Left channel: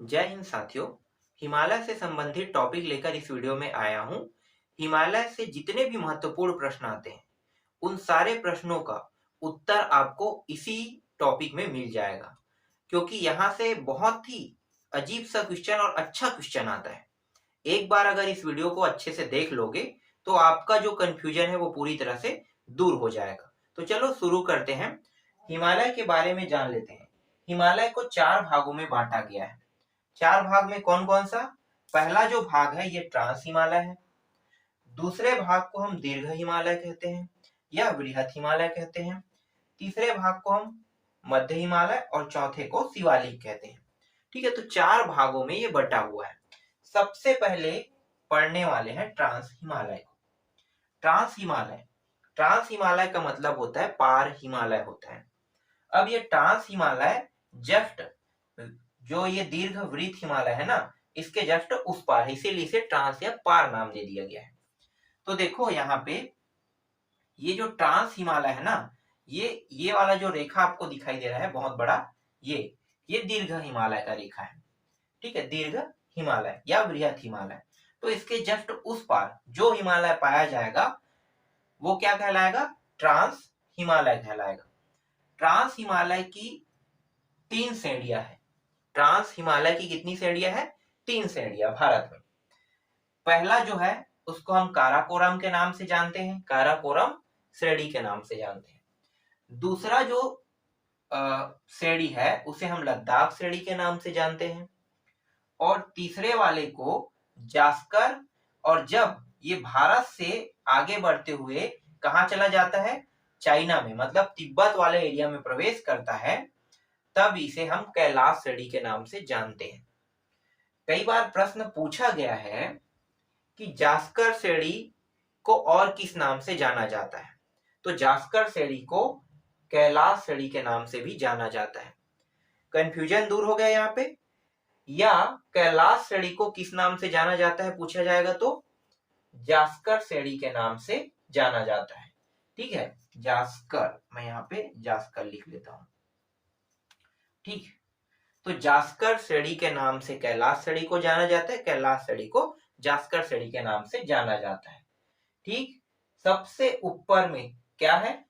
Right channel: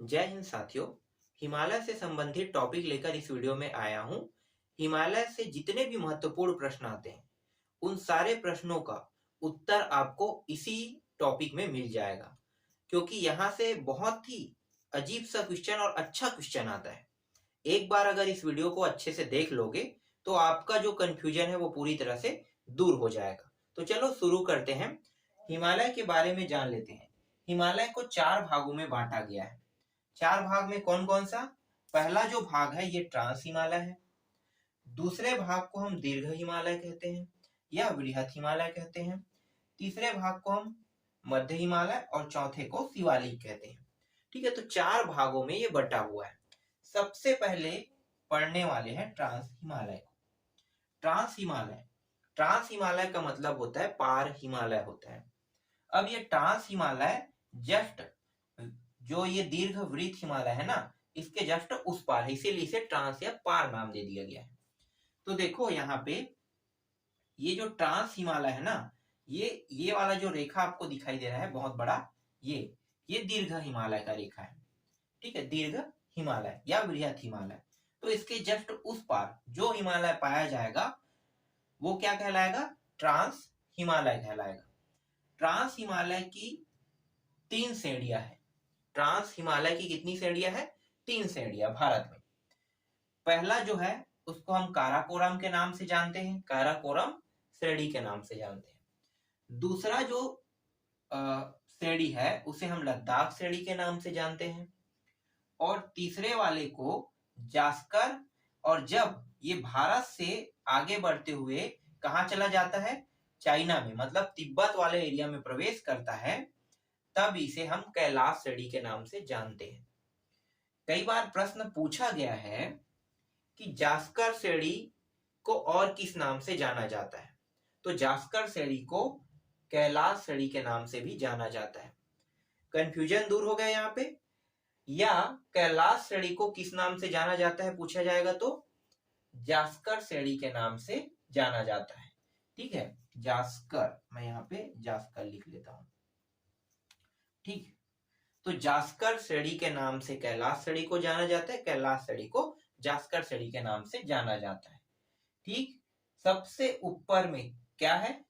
जय हिंद साथियों। हिमालय से संबंधित टॉपिक लेकर इस वीडियो में आया हूँ। हिमालय से जितने भी महत्वपूर्ण प्रश्न आते हैं उन सारे प्रश्नों का उत्तर आपको इसी टॉपिक में मिल जाएगा, क्योंकि यहाँ से बहुत ही अजीब सा क्वेश्चन और अच्छा क्वेश्चन आता है। एक बार अगर इस वीडियो को अच्छे से देख लोगे तो आपका जो कंफ्यूजन है वो पूरी तरह से दूर हो जाएगा। तो चलो शुरू करते हैं। हिमालय के बारे में जान लेते हैं। हिमालय को 4 भागों में बांटा गया है। 4 भाग में कौन कौन सा? पहला जो भाग है ये ट्रांस हिमालय है। दूसरे भाग को हम दीर्घ हिमालय कहते हैं या वृहत हिमालय कहते हैं। तीसरे भाग को हम मध्य हिमालय और चौथे को शिवालिक कहते हैं। ठीक है, तो 4 भागों में ये बटा हुआ है। सबसे पहले पढ़ने वाले हैं ट्रांस हिमालय को। ट्रांस हिमालय का मतलब होता है पार हिमालय होता है। अब ये ट्रांस हिमालय जस्ट जो ये दीर्घ वृत्त हिमालय है ना, इसके जस्ट उस पार है, इसीलिए इसे ट्रांस या पार नाम दे दिया गया है। तो देखो यहाँ पे ये जो ट्रांस हिमालय है ना, ये वाला जो रेखा आपको दिखाई दे रहा है बहुत बड़ा, ये दीर्घ हिमालय का रेखा है। ठीक है, दीर्घ हिमालय या वृहत हिमालय। तो इसके जस्ट उस पार जो हिमालय पाया जाएगा वो क्या कहलाएगा? ट्रांस हिमालय कहलाएगा। ट्रांस हिमालय की 3 श्रेणियां है। ट्रांस हिमालय की कितनी श्रेणियां है? 3 श्रेणियां भारत में। पहला जो है उसको हम काराकोरम के नाम से जानते हैं, काराकोरम श्रेणी के नाम से जानते हैं। दूसरा जो श्रेणी है उसे हम लद्दाख श्रेणी के नाम से जानते हैं। और तीसरे वाले को जास्कर। और जब ये भारत से आगे बढ़ते हुए कहाँ चला जाता है? चाइना में, मतलब तिब्बत वाले एरिया में प्रवेश करता है, तब इसे हम कैलाश श्रेणी के नाम से जानते हैं। कई बार प्रश्न पूछा गया है कि जास्कर श्रेणी को और किस नाम से जाना जाता है, तो जास्कर श्रेणी को कैलाश श्रेणी के नाम से भी जाना जाता है। कंफ्यूजन दूर हो गया यहाँ पे। या कैलाश श्रेणी को किस नाम से जाना जाता है पूछा जाएगा तो जास्कर श्रेणी के नाम से जाना जाता है। ठीक है, जास्कर, मैं यहाँ पे जास्कर लिख लेता हूं। ठीक, तो जास्कर श्रेणी के नाम से कैलाश श्रेणी को जाना जाता है, कैलाश श्रेणी को जास्कर श्रेणी के नाम से जाना जाता है। ठीक, सबसे ऊपर में क्या है?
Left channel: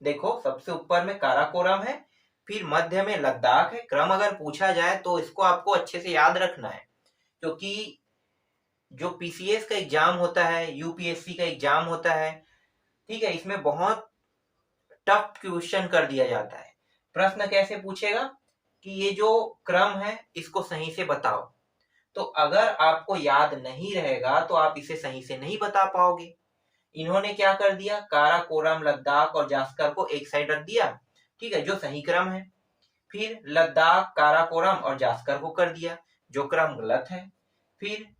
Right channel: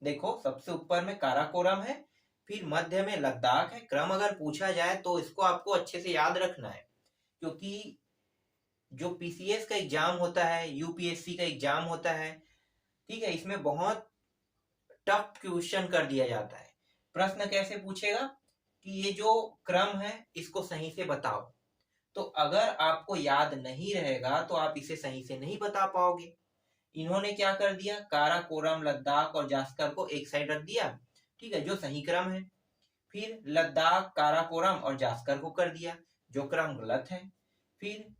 देखो, सबसे ऊपर में काराकोरम है, फिर मध्य में लद्दाख है। क्रम अगर पूछा जाए तो इसको आपको अच्छे से याद रखना है, क्योंकि जो पीसीएस का एग्जाम होता है, यूपीएससी का एग्जाम होता है, ठीक है, इसमें बहुत टफ क्वेश्चन कर दिया जाता है। प्रश्न कैसे पूछेगा कि ये जो क्रम है इसको सही से बताओ। तो अगर आपको याद नहीं रहेगा तो आप इसे सही से नहीं बता पाओगे। इन्होंने क्या कर दिया? काराकोरम, लद्दाख और जास्कर को एक साइड रख दिया, ठीक है, जो सही क्रम है। फिर लद्दाख, काराकोरम और जास्कर को कर दिया, जो क्रम गलत है। फिर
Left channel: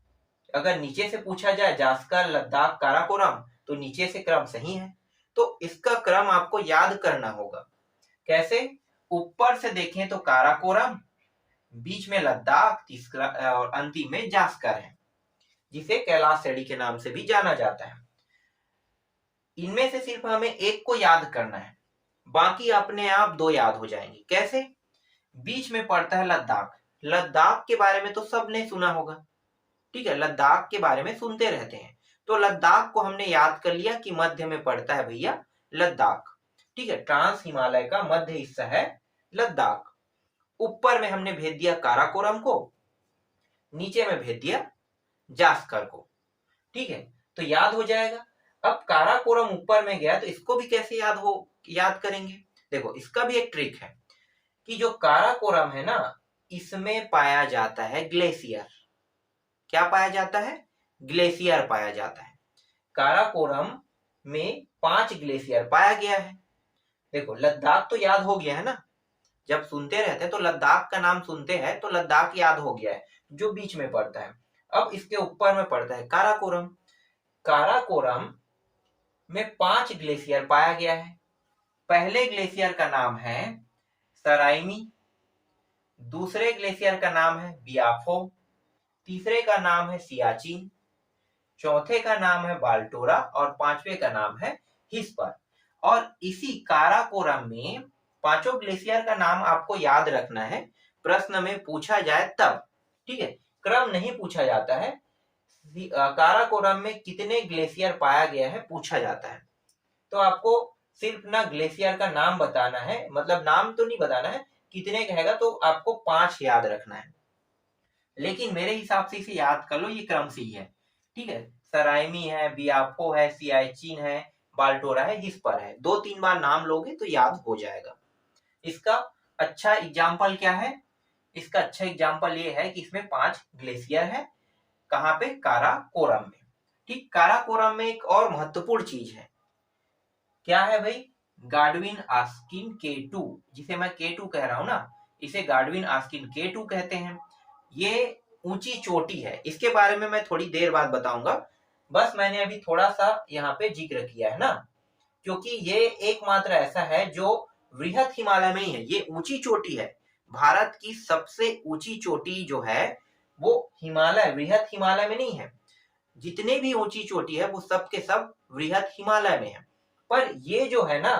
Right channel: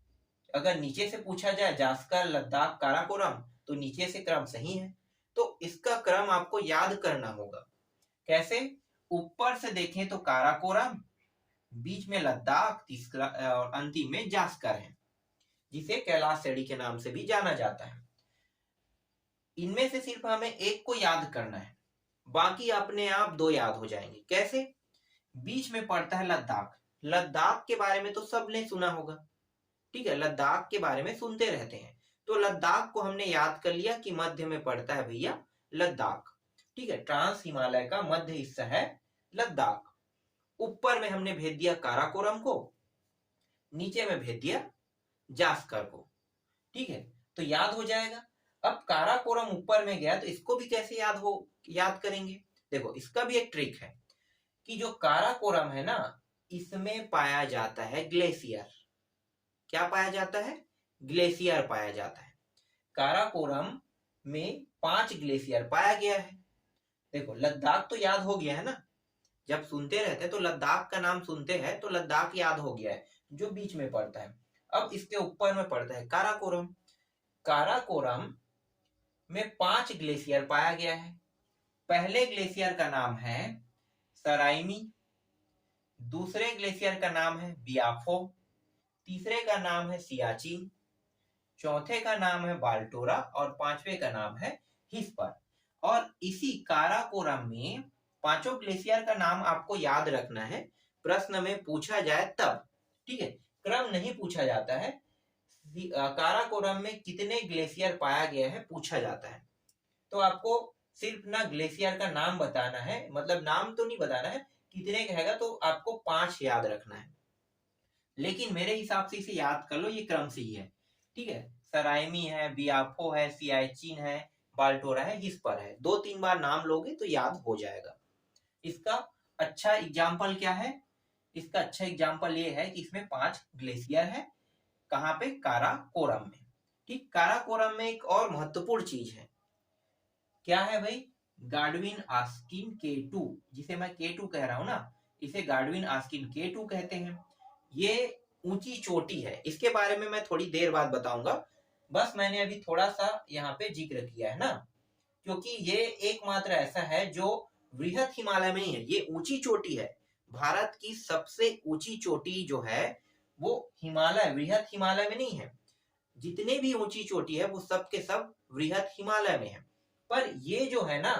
अगर नीचे से पूछा जाए जास्कर, लद्दाख, काराकोरम, तो नीचे से क्रम सही है। तो इसका क्रम आपको याद करना होगा। कैसे? ऊपर से देखें तो काराकोरम, बीच में लद्दाख, तीसरा और अंतिम में जास्कर है, जिसे कैलाश श्रेणी के नाम से भी जाना जाता है। इनमें से सिर्फ हमें एक को याद करना है, बाकी अपने आप 2 याद हो जाएंगे। कैसे? बीच में पड़ता है लद्दाख। लद्दाख के बारे में तो सबने सुना होगा, ठीक है, लद्दाख के बारे में सुनते रहते हैं। तो लद्दाख को हमने याद कर लिया कि मध्य में पड़ता है भैया लद्दाख। ठीक है, ट्रांस हिमालय का मध्य हिस्सा है लद्दाख। ऊपर में हमने भेज दिया काराकोरम को, नीचे में भेज दिया जास्कर को। ठीक है, तो याद हो जाएगा। अब काराकोरम ऊपर में गया तो इसको भी कैसे याद करेंगे? देखो, इसका भी एक ट्रिक है कि जो काराकोरम है ना, इसमें पाया जाता है ग्लेशियर। क्या पाया जाता है? ग्लेशियर पाया जाता है। काराकोरम में 5 ग्लेशियर पाया गया है। देखो, लद्दाख तो याद हो गया है ना, जब सुनते रहते हैं तो लद्दाख का नाम सुनते हैं तो लद्दाख याद हो गया है, जो बीच में पड़ता है। अब इसके ऊपर में पड़ता है काराकोरम। काराकोरम में 5 ग्लेशियर पाया गया है। पहले ग्लेशियर का नाम है सराइमी, दूसरे ग्लेशियर का नाम है बियाफो, तीसरे का नाम है सियाचिन, चौथे का नाम है बाल्टोरा और पांचवे का नाम है हिस्पर। और इसी काराकोरम में 5 ग्लेशियर का नाम आपको याद रखना है, प्रश्न में पूछा जाए तब। ठीक है, क्रम नहीं पूछा जाता है। काराकोरम में कितने ग्लेशियर पाया गया है पूछा जाता है। तो आपको सिर्फ ना ग्लेशियर का नाम बताना है, मतलब नाम तो नहीं बताना है, कितने कहेगा तो आपको 5 याद रखना है। लेकिन मेरे हिसाब से इसे याद कर लो, ये क्रम से ही है। ठीक है, सराइमी है, बियाफो है, सियाचिन है, बाल्टोरा है, जिस पर है 2-3 बार नाम लोगे तो याद हो जाएगा। इसका अच्छा एग्जाम्पल क्या है? इसका अच्छा एग्जाम्पल ये है कि इसमें 5 ग्लेशियर है। कहाँ पे? काराकोरम में। ठीक, काराकोरम में एक और महत्वपूर्ण चीज है। क्या है भाई? गाडविन आस्किन K2, जिसे मैं K2 कह रहा हूं ना, इसे गाडविन आस्किन K2 कहते हैं। ये ऊंची चोटी है, इसके बारे में मैं थोड़ी देर बाद बताऊंगा। बस मैंने अभी थोड़ा सा यहाँ पे जिक्र किया है ना, क्योंकि ये एकमात्र ऐसा है जो वृहत हिमालय में ही है। ये ऊंची चोटी है, भारत की सबसे ऊंची चोटी जो है वो हिमालय, वृहत हिमालय में नहीं है। जितने भी ऊंची चोटी है वो सब के सब वृहत हिमालय में है। पर ये जो है ना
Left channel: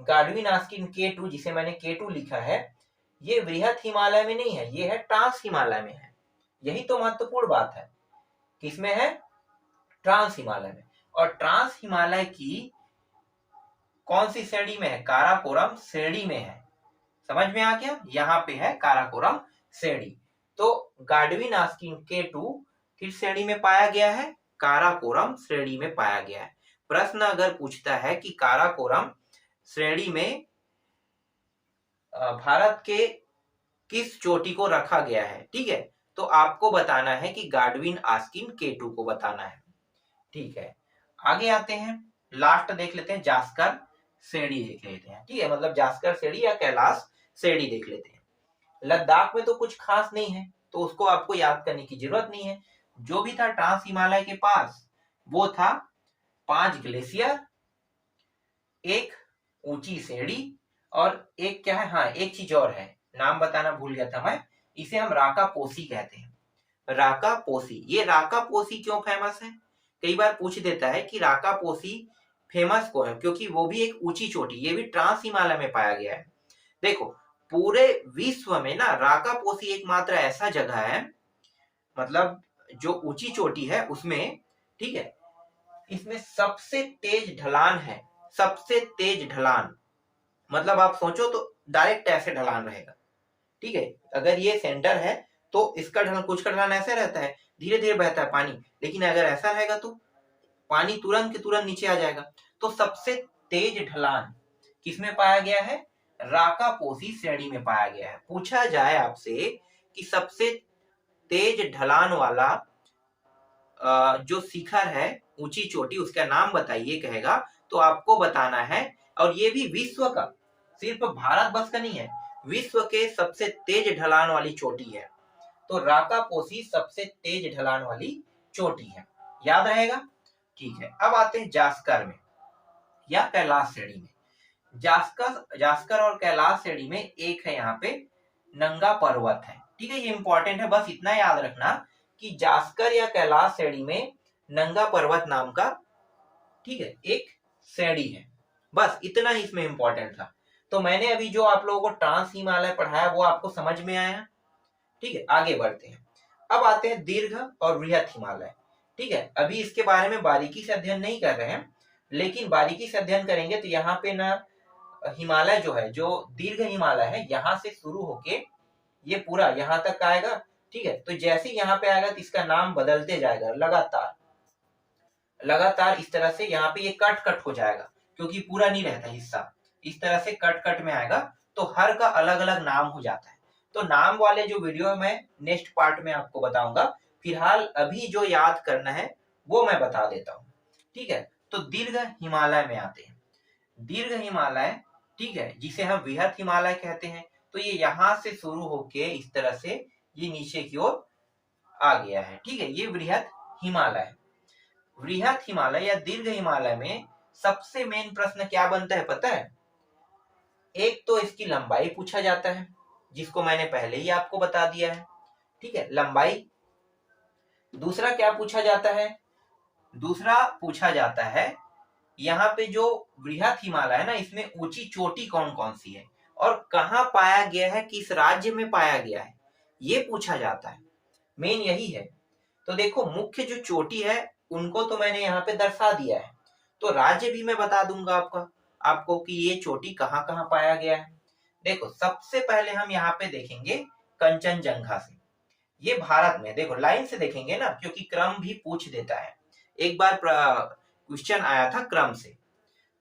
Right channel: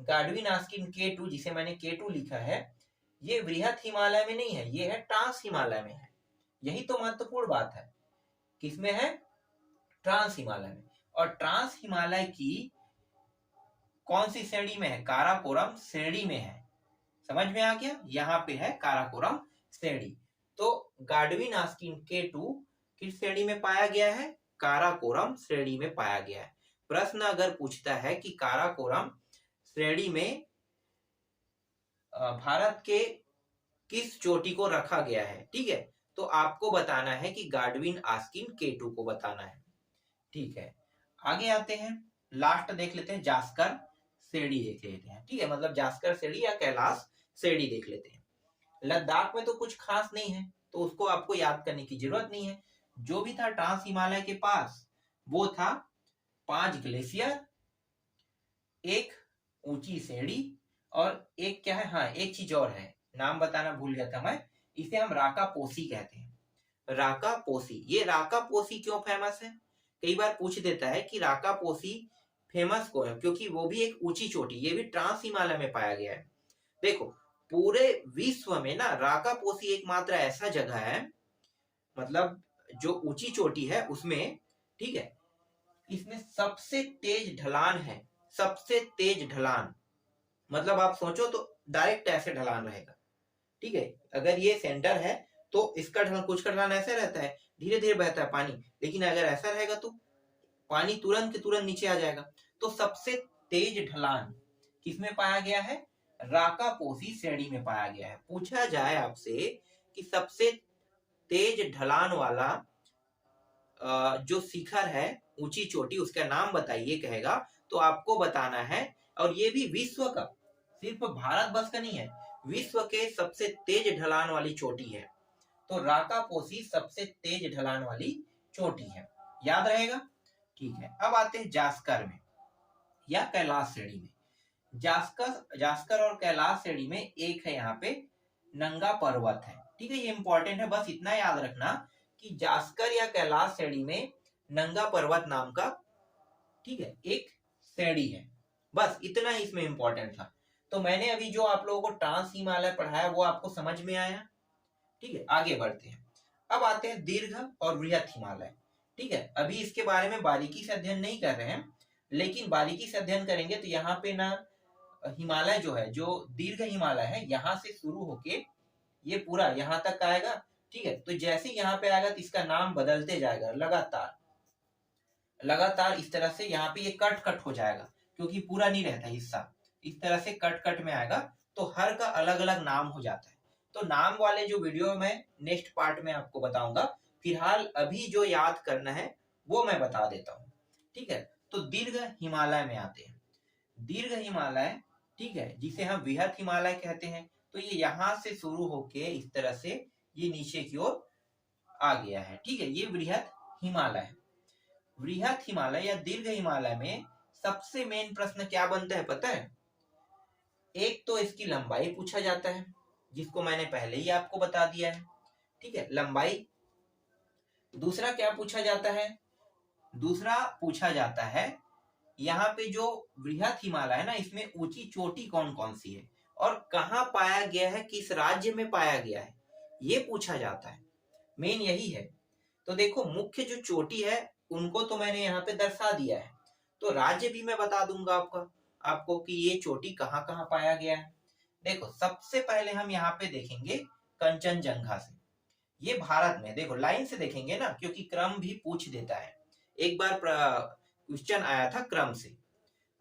गाडविन आस्किन K2, जिसे मैंने K2 लिखा है, ये वृहत हिमालय में नहीं है, ये है ट्रांस हिमालय में है। यही तो महत्वपूर्ण बात है। किसमें है? ट्रांस हिमालय में। और ट्रांस हिमालय की कौन सी श्रेणी में है? काराकोरम श्रेणी में है। समझ में आ गया? यहाँ पे है काराकोरम श्रेणी। तो गाडविन आस्किन K2 किस श्रेणी में पाया गया है? काराकोरम श्रेणी में पाया गया है। प्रश्न अगर पूछता है कि काराकोरम श्रेणी में भारत के किस चोटी को रखा गया है, ठीक है, तो आपको बताना है कि गाडविन आस्किन K2 को बताना है। ठीक है, आगे आते हैं, लास्ट देख लेते हैं, जास्कर श्रेणी देख लेते हैं। ठीक है, मतलब जास्कर श्रेणी या कैलाश श्रेणी देख लेते हैं। लद्दाख में तो कुछ खास नहीं है, तो उसको आपको याद करने की जरूरत नहीं है। जो भी था ट्रांस हिमालय के पास वो था 5 ग्लेशियर, एक ऊंची श्रेणी, और एक क्या है, हाँ एक चीज और है, नाम बताना भूल गया था मैं, इसे हम राका पोसी कहते हैं। राका पोसी, ये राका पोसी क्यों फेमस है? कई बार पूछ देता है कि राका पोसी फेमस क्यों है, क्योंकि वो भी एक ऊंची चोटी, ये भी ट्रांस हिमालय में पाया गया है। देखो, पूरे विश्व में ना राका पोसी एकमात्र ऐसा जगह है, मतलब जो ऊंची चोटी है उसमें, ठीक है, इसमें सबसे तेज ढलान है, सबसे तेज ढलान। मतलब आप सोचो तो डायरेक्ट ऐसे ढलान रहेगा। ठीक है, अगर ये सेंटर है तो इसका ढलान, कुछ का ढलान ऐसे रहता है, धीरे धीरे बहता है पानी, लेकिन अगर ऐसा रहेगा तो पानी तुरंत के तुरंत नीचे आ जाएगा। तो सबसे तेज ढलान किसमें पाया गया है? राकापोसी श्रेणी में पाया गया है। पूछा जाए आपसे कि सबसे तेज ढलान वाला जो शिखर है, ऊंची चोटी, उसका नाम बताइए कहेगा, तो आपको बताना है, और ये भी विश्व का, सिर्फ भारत बस का नहीं है, विश्व के सबसे तेज ढलान वाली चोटी है। तो राकापोसी सबसे तेज ढलान वाली चोटी है, याद रहेगा। ठीक है, अब आते हैं जास्कर में या कैलाश श्रेणी में। जास्कर और कैलाश श्रेणी में एक है यहाँ पे नंगा पर्वत है। ठीक है, ये इंपॉर्टेंट है, बस इतना याद रखना कि जास्कर या कैलाश श्रेणी में नंगा पर्वत नाम का, ठीक है, एक श्रेणी है। बस इतना ही इसमें इंपॉर्टेंट था। तो मैंने अभी जो आप लोगों को ट्रांस हिमालय पढ़ाया वो आपको समझ में आया। ठीक है, आगे बढ़ते हैं। अब आते हैं दीर्घ और वृहत हिमालय। ठीक है, अभी इसके बारे में बारीकी से अध्ययन नहीं कर रहे हैं, लेकिन बारीकी से अध्ययन करेंगे तो यहाँ पे ना हिमालय जो है, जो दीर्घ हिमालय है, यहाँ से शुरू होके ये पूरा यहाँ तक आएगा। ठीक है, तो जैसे यहाँ पे आएगा तो इसका नाम बदलते जाएगा लगातार लगातार, इस तरह से यहाँ पे ये कट कट हो जाएगा, क्योंकि पूरा नहीं रहता हिस्सा, इस तरह से कट कट में आएगा, तो हर का अलग अलग नाम हो जाता है। तो नाम वाले जो वीडियो मैं नेक्स्ट पार्ट में आपको बताऊंगा, फिलहाल अभी जो याद करना है वो मैं बता देता हूँ। ठीक है, तो दीर्घ हिमालय में आते हैं। दीर्घ हिमालय, ठीक है, जिसे हम वृहत हिमालय कहते हैं, तो ये यहाँ से शुरू होके इस तरह से ये नीचे की ओर आ गया है। ठीक है, ये वृहत हिमालय। वृहत हिमालय या दीर्घ हिमालय में सबसे मेन प्रश्न क्या बनता है पता है? एक तो इसकी लंबाई पूछा जाता है, जिसको मैंने पहले ही आपको बता दिया है। ठीक है, लंबाई। दूसरा क्या पूछा जाता है? दूसरा पूछा जाता है यहाँ पे जो वृहत हिमालय है ना, इसमें ऊंची चोटी कौन कौन सी है और कहाँ पाया गया है, किस राज्य में पाया गया है, ये पूछा जाता है। मेन यही है। तो देखो मुख्य जो चोटी है उनको तो मैंने यहाँ पे दर्शा दिया है, तो राज्य भी मैं बता दूंगा आपको कि ये चोटी कहाँ कहाँ पाया गया है। देखो सबसे पहले हम यहाँ पे देखेंगे कंचनजंगा से। ये भारत में, देखो लाइन से देखेंगे ना, क्योंकि क्रम भी पूछ देता है। एक बार क्वेश्चन आया था क्रम से,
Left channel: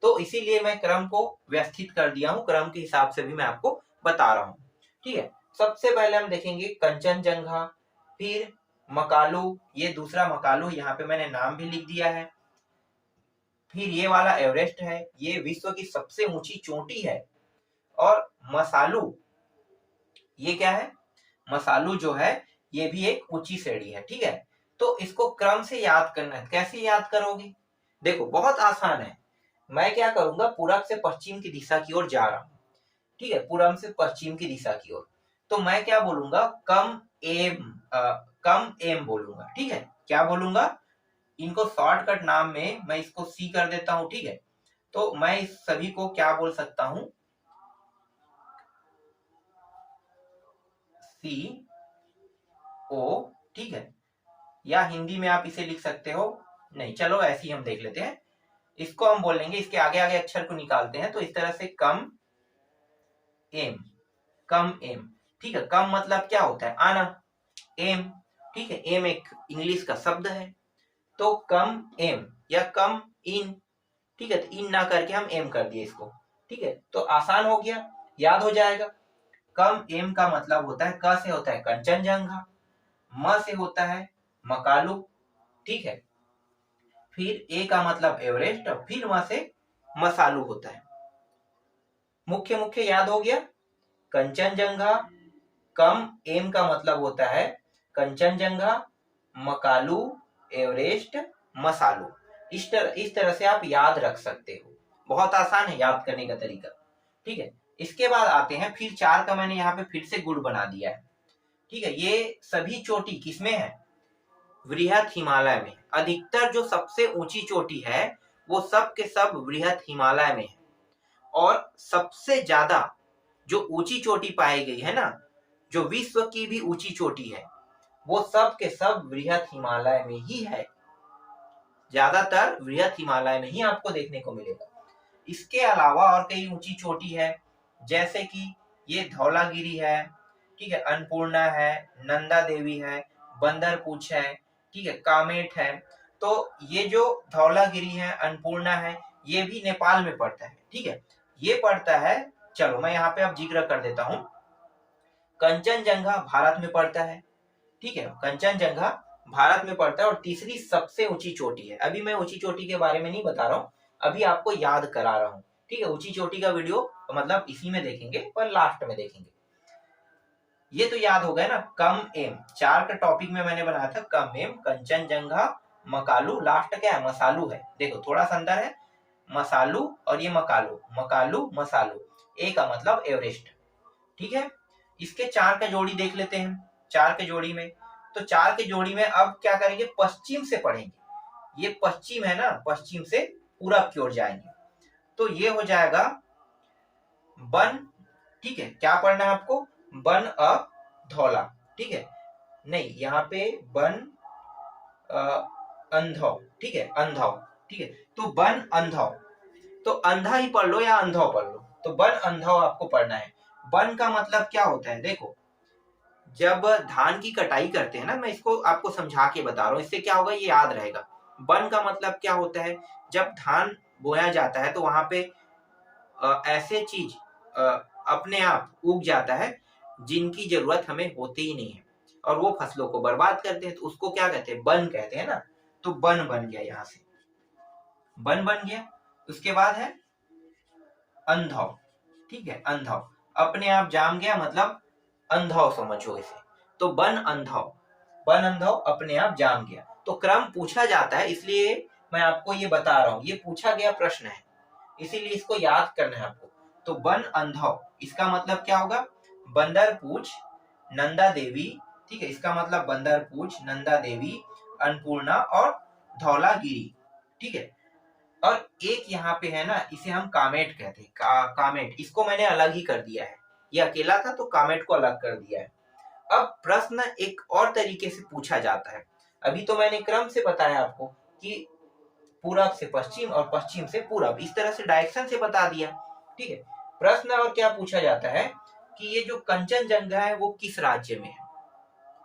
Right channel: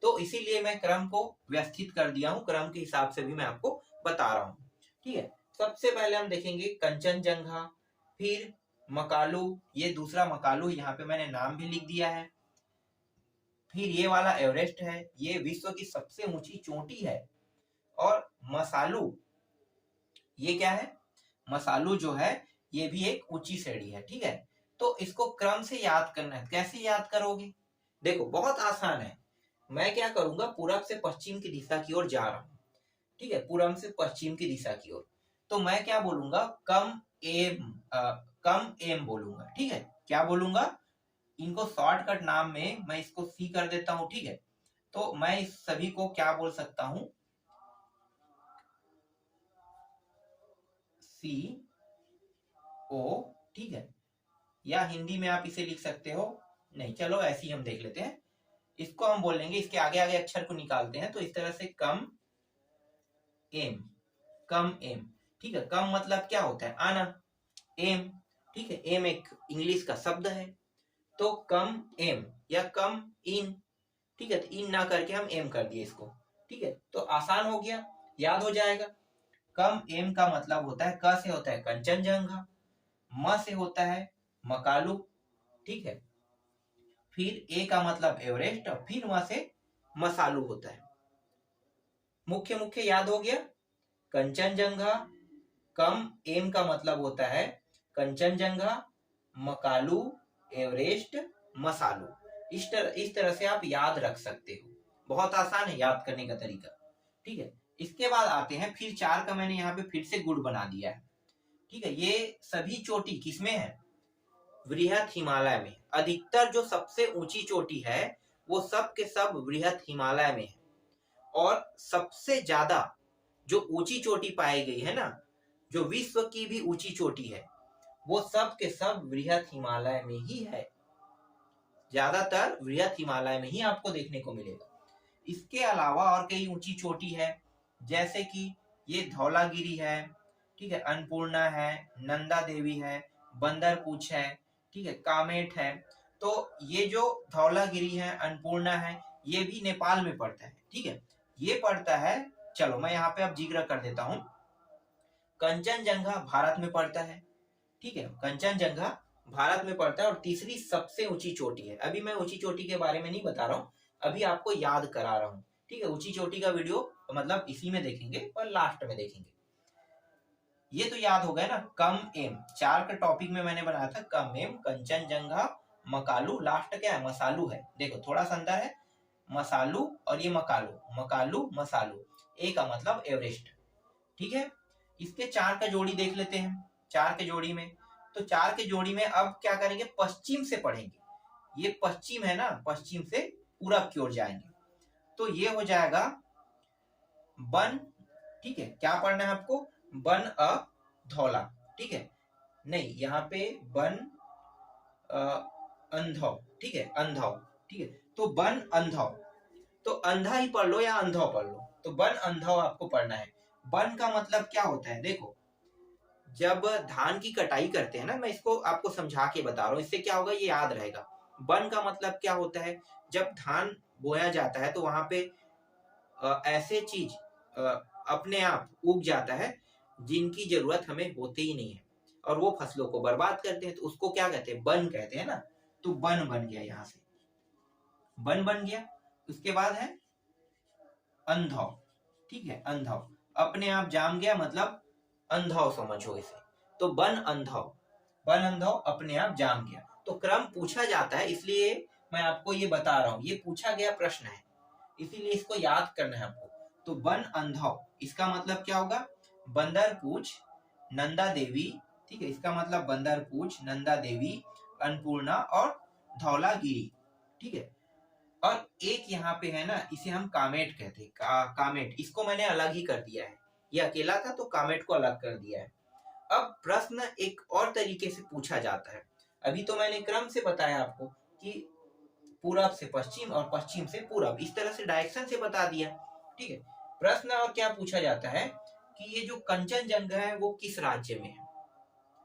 तो इसीलिए मैं क्रम को व्यवस्थित कर दिया हूँ, क्रम के हिसाब से भी मैं आपको बता रहा हूँ। ठीक है, सबसे पहले हम देखेंगे कंचनजंगा, फिर मकालू, ये दूसरा मकालू, यहाँ पे मैंने नाम भी लिख दिया है। फिर ये वाला एवरेस्ट है, ये विश्व की सबसे ऊंची चोटी है। और मसालू, ये क्या है, मसालू जो है ये भी एक ऊंची श्रेणी है। ठीक है, तो इसको क्रम से याद करना है। कैसे याद करोगे, देखो बहुत आसान है। मैं क्या करूंगा, पूरब से पश्चिम की दिशा की ओर जा रहा हूँ। ठीक है, पूरब से पश्चिम की दिशा की ओर, तो मैं क्या बोलूंगा, कम एम बोलूंगा। ठीक है, क्या बोलूंगा, इनको शॉर्टकट नाम में मैं इसको सी कर देता हूं। ठीक है, तो मैं इस सभी को क्या बोल सकता हूं, सी ओ। ठीक है, या हिंदी में आप इसे लिख सकते हो, नहीं चलो ऐसे ही हम देख लेते हैं। इसको हम बोलेंगे, इसके आगे आगे अक्षर को निकालते हैं, तो इस तरह से कम एम, कम एम। ठीक है, कम मतलब क्या होता है, आना, एम। ठीक है, एम एक इंग्लिश का शब्द है, तो कम एम या कम इन। ठीक है, तो इन ना करके हम एम कर दिए इसको। ठीक है, तो आसान हो गया, याद हो जाएगा। कम एम का मतलब होता है, क से होता है कंचनजंगा, म से होता है मकालू। ठीक है, फिर ए का मतलब एवरेस्ट, और फिर वहां से मसालू होता है। मुख्य मुख्य याद हो गया, कंचनजंगा, कम एम का मतलब होता है कंचनजंगा, मकालू, एवरेस्ट, मसालू। इस तरह से आप याद रख सकते हो, बहुत आसान है याद करने का तरीका। ठीक है, इसके बाद आते हैं, फिर 4 का मैंने यहाँ पे फिर से गुण बना दिया है। ठीक है, ये सभी चोटी किसमें है, वृहत हिमालय में। अधिकतर जो सबसे ऊंची चोटी है वो सब के सब वृहत हिमालय में है। और सबसे ज्यादा जो ऊंची चोटी पाई गई है ना, जो विश्व की भी ऊंची चोटी है, वो सब के सब वृहत हिमालय में ही है। ज्यादातर वृहत हिमालय में ही आपको देखने को मिलेगा। इसके अलावा और कई ऊंची चोटी है, जैसे कि ये धौलागिरी है, ठीक है, अन्नपूर्णा है, नंदा देवी है, बंदरपूछ है, ठीक है, कामेट है। तो ये जो धौलागिरी है, अन्नपूर्णा है, ये भी नेपाल में पड़ता है। ठीक है, ये पड़ता है, चलो मैं यहाँ पे अब जिक्र कर देता हूँ। कंचनजंगा भारत में पड़ता है। ठीक है, कंचनजंगा भारत में पड़ता है और तीसरी सबसे ऊंची चोटी है। अभी मैं ऊंची चोटी के बारे में नहीं बता रहा हूँ, अभी आपको याद करा रहा हूँ। ठीक है, ऊंची चोटी का वीडियो मतलब इसी में देखेंगे, पर लास्ट में देखेंगे। ये तो याद हो गया ना, कम एम, 4 का टॉपिक में मैंने बनाया था कम एम, कंचनजंगा, मकालू, लास्ट क्या है, मसालू है। देखो थोड़ा सा अंतर है, मसालू और ये मकालू, मकालू मसालू, ए का मतलब एवरेस्ट। ठीक है, इसके 4 का जोड़ी देख लेते हैं। 4 के जोड़ी में, तो 4 के जोड़ी में अब क्या करेंगे, पश्चिम से पढ़ेंगे। ये पश्चिम है ना, पश्चिम से पूरब की ओर जाएंगे, तो ये हो जाएगा बन। ठीक है, क्या पढ़ना है आपको, बन अ धौला। ठीक है, नहीं यहाँ पे बन अंधौ। ठीक है, अंधौ। ठीक है, तो बन अंधौ, तो अंधा ही पढ़ लो या अंधौ पढ़ लो, तो बन अंधौ आपको पढ़ना है। बन का मतलब क्या होता है, देखो जब धान की कटाई करते हैं ना, मैं इसको आपको समझा के बता रहा हूँ, इससे क्या होगा ये याद रहेगा। बन का मतलब क्या होता है, जब धान बोया जाता है तो वहां पे ऐसे चीज अपने आप उग जाता है जिनकी जरूरत हमें होती ही नहीं है, और वो फसलों को बर्बाद करते हैं, तो उसको क्या कहते हैं, बन कहते हैं ना। तो बन बन गया, यहाँ से बन बन गया। उसके बाद है अंधौ। ठीक है, अंधौ अपने आप जाम गया, मतलब अंधौ समझो इसे। तो बन अंधौ, बन अंधौ अपने आप जाम गया। तो क्रम पूछा जाता है, इसलिए मैं आपको ये बता रहा हूँ, ये पूछा गया प्रश्न है, इसीलिए इसको याद करना है आपको। तो बन अंधौ, इसका मतलब क्या होगा, बंदरपूछ, नंदा देवी। ठीक है, इसका मतलब बंदरपूछ, नंदा देवी, अन्नपूर्णा और धौलागिरी। ठीक है, और एक यहाँ पे है ना, इसे हम कामेट कहते हैं, कामेट, इसको मैंने अलग ही कर दिया है, ये अकेला था तो कामेट को अलग कर दिया है। अब प्रश्न एक और तरीके से पूछा जाता है। अभी तो मैंने क्रम से बताया आपको कि पूरब से पश्चिम और पश्चिम से पूरब, इस तरह से डायरेक्शन से बता दिया। ठीक है, प्रश्न और क्या पूछा जाता है कि ये जो कंचनजंगा है वो किस राज्य में है,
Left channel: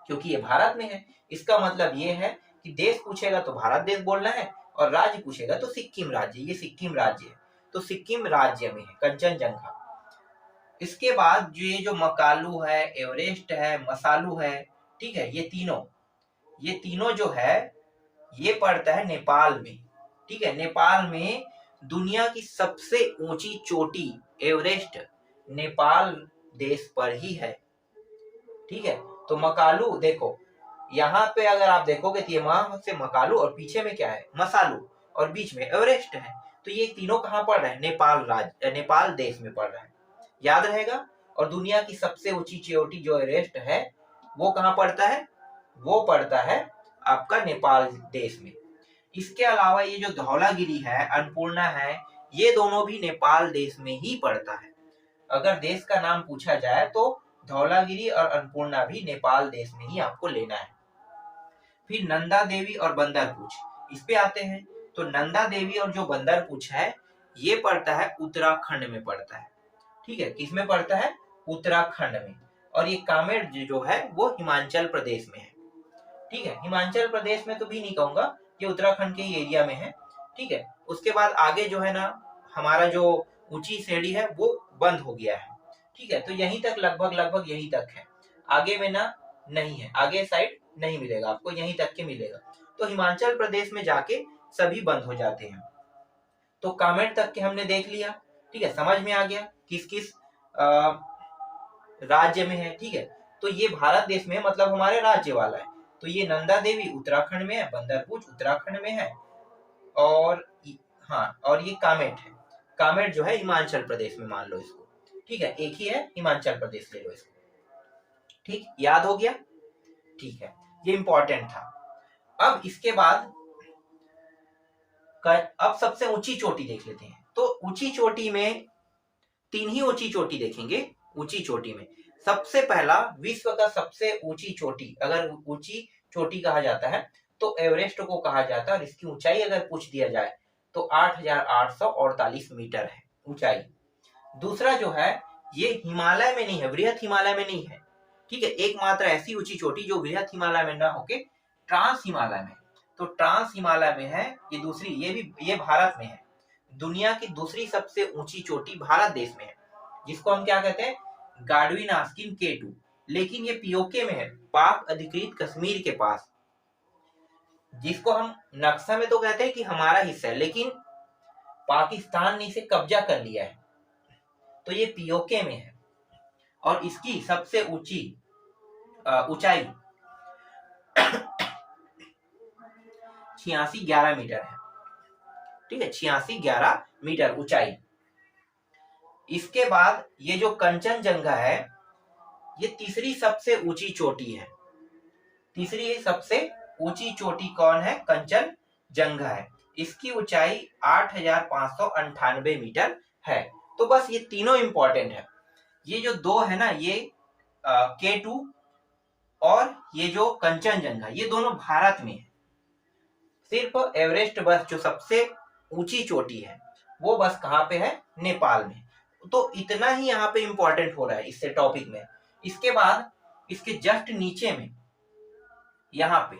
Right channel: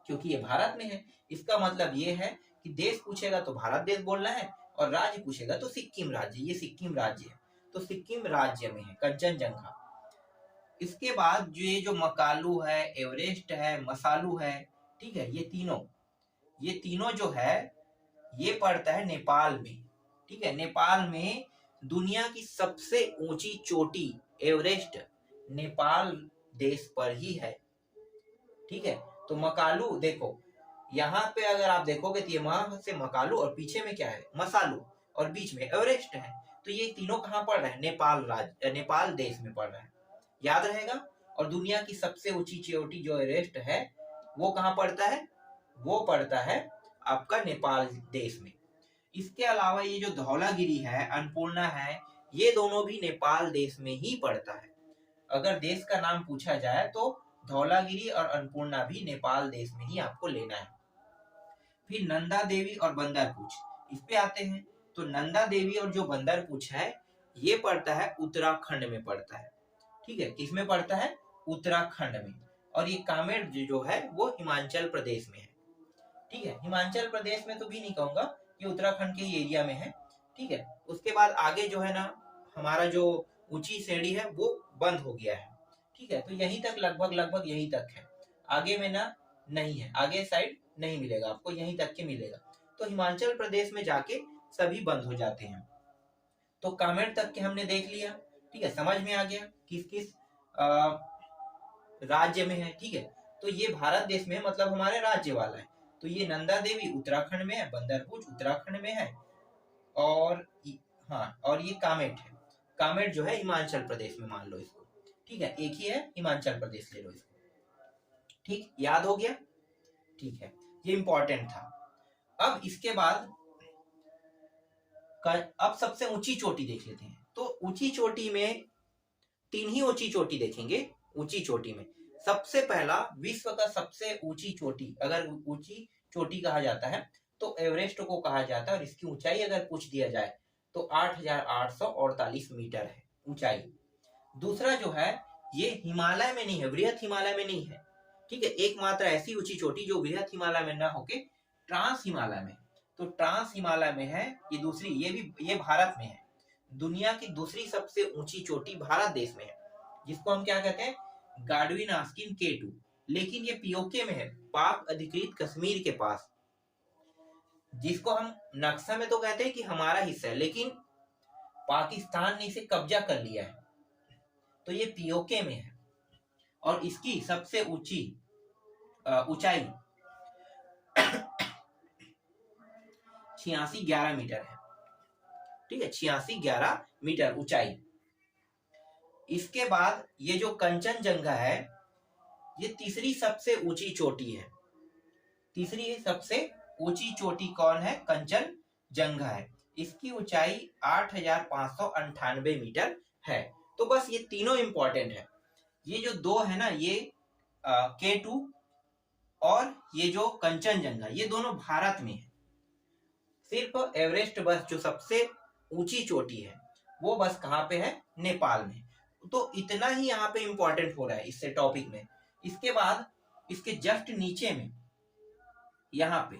क्योंकि ये भारत में है। इसका मतलब ये है कि देश पूछेगा तो भारत देश बोलना है, और राज्य पूछेगा तो सिक्किम राज्य, ये सिक्किम राज्य है, तो सिक्किम राज्य में है कंचनजंगा। इसके बाद जो ये जो मकालू है, एवरेस्ट है, मसालू है, ठीक है, ये तीनों जो है ये पड़ता है नेपाल में। ठीक है, नेपाल में दुनिया की सबसे ऊंची चोटी एवरेस्ट नेपाल देश पर ही है। ठीक है, तो मकालू देखो, यहाँ पे अगर आप देखोगे तो ये वहां से मकालू और पीछे में क्या है, मसालू, और बीच में एवरेस्ट है। तो ये तीनों कहाँ पड़ रहा है, नेपाल राज्य, नेपाल देश में पड़ रहा है, याद रहेगा। और दुनिया की सबसे ऊंची चोटी जो एवरेस्ट है वो कहाँ पड़ता है, वो पड़ता है आपका नेपाल देश में। इसके अलावा ये जो धौलागिरी है, अन्नपूर्णा है, ये दोनों भी नेपाल देश में ही पड़ता है। अगर देश का नाम पूछा जाए तो धौलागिरी और अन्नपूर्णा भी नेपाल देश में ही आपको लेना है। फिर नंदा देवी और बंदरपूछ, इस पे आते हैं। तो नंदा देवी और जो बंदरपूछ है ये पड़ता है उत्तराखंड में पड़ता है। ठीक है, किसमें पड़ता है, उत्तराखंड में। और ये कामेर जो है वो हिमाचल प्रदेश में है। ठीक है, हिमाचल प्रदेश में तो भी नहीं कहूंगा, ये उत्तराखंड के ही एरिया में है। ठीक है, उसके बाद आगे जो है ना हमारा जो ऊंची श्रेणी है वो बंद हो गया है। ठीक है, तो यहीं तक लगभग यहीं तक है, आगे में ना नहीं है, आगे साइड नहीं मिलेगा आपको, यहीं तक के मिलेगा। तो हिमाचल प्रदेश में जाके सभी बंद हो जाते हैं। तो कामेर तक के हमने देख लिया। ठीक है, समझ में आ गया किस किस राज्य में है। ठीक है, तो ये भारत देश में मतलब हमारे राज्य वाला है। तो ये नंदा देवी उत्तराखंड में है, बंदरपूछ उत्तराखंड में है, और हाँ, और ये कामेट है, कामेट जो है हिमाचल प्रदेश में, मान लो इसको। ठीक है, एक ही है, हिमाचल प्रदेश ले लो इसको। ठीक, याद हो गया। ठीक है, ये इंपॉर्टेंट था। अब इसके बाद अब सबसे ऊंची चोटी देख लेते हैं। तो ऊंची चोटी में तीन ही ऊंची चोटी देखेंगे। ऊंची चोटी में सबसे पहला, विश्व का सबसे ऊंची चोटी, अगर ऊंची चोटी कहा जाता है तो एवरेस्ट को कहा जाता है। और इसकी ऊंचाई अगर पूछ दिया जाए तो 8,848 मीटर है ऊंचाई। दूसरा जो है ये हिमालय में नहीं है, वृहत हिमालय में नहीं है। ठीक है, एकमात्र ऐसी ऊंची चोटी जो वृहत हिमालय में ना होके ट्रांस हिमालय में, तो ट्रांस हिमालय में है ये दूसरी, ये भारत में है। दुनिया की दूसरी सबसे ऊंची चोटी भारत देश में है, जिसको हम क्या कहते हैं, गाडविन आस्किन K2। लेकिन ये पीओके में है, पाक अधिकृत कश्मीर के पास, जिसको हम नक्शा में तो कहते हैं कि हमारा हिस्सा है, लेकिन पाकिस्तान ने इसे कब्जा कर लिया है, तो ये पीओके में है। और इसकी सबसे ऊंची ऊंचाई 8611 मीटर है। ठीक है, 8611 मीटर ऊंचाई। इसके बाद ये जो कंचनजंगा है ये तीसरी सबसे ऊंची चोटी है। तीसरी सबसे ऊंची चोटी कौन है, कंचनजंगा है। इसकी ऊंचाई 8,598 मीटर है। तो बस ये तीनों इंपॉर्टेंट है। ये जो दो है ना, ये K2 और ये जो कंचनजंगा, ये दोनों भारत में है। सिर्फ एवरेस्ट बस जो सबसे ऊंची चोटी है वो बस कहाँ पे है, नेपाल में। तो इतना ही यहाँ पे इंपॉर्टेंट हो रहा है इससे टॉपिक में। इसके बाद इसके जस्ट नीचे में यहाँ पे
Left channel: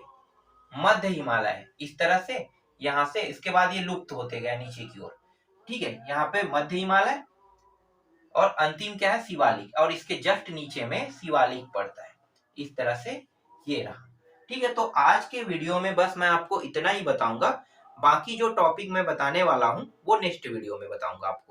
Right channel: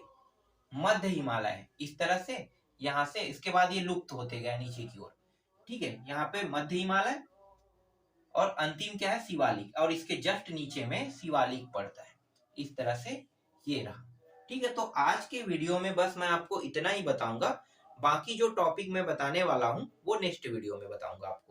मध्य हिमालय है, इस तरह से यहाँ से, इसके बाद ये लुप्त होते गए नीचे की ओर। ठीक है, यहाँ पे मध्य हिमालय और अंतिम क्या है, शिवालिक, और इसके जस्ट नीचे में शिवालिक पड़ता है। इस तरह से ये रहा। ठीक है, तो आज के वीडियो में बस मैं आपको इतना ही बताऊंगा। बाकी जो टॉपिक मैं बताने वाला हूँ वो नेक्स्ट वीडियो में बताऊंगा आपको।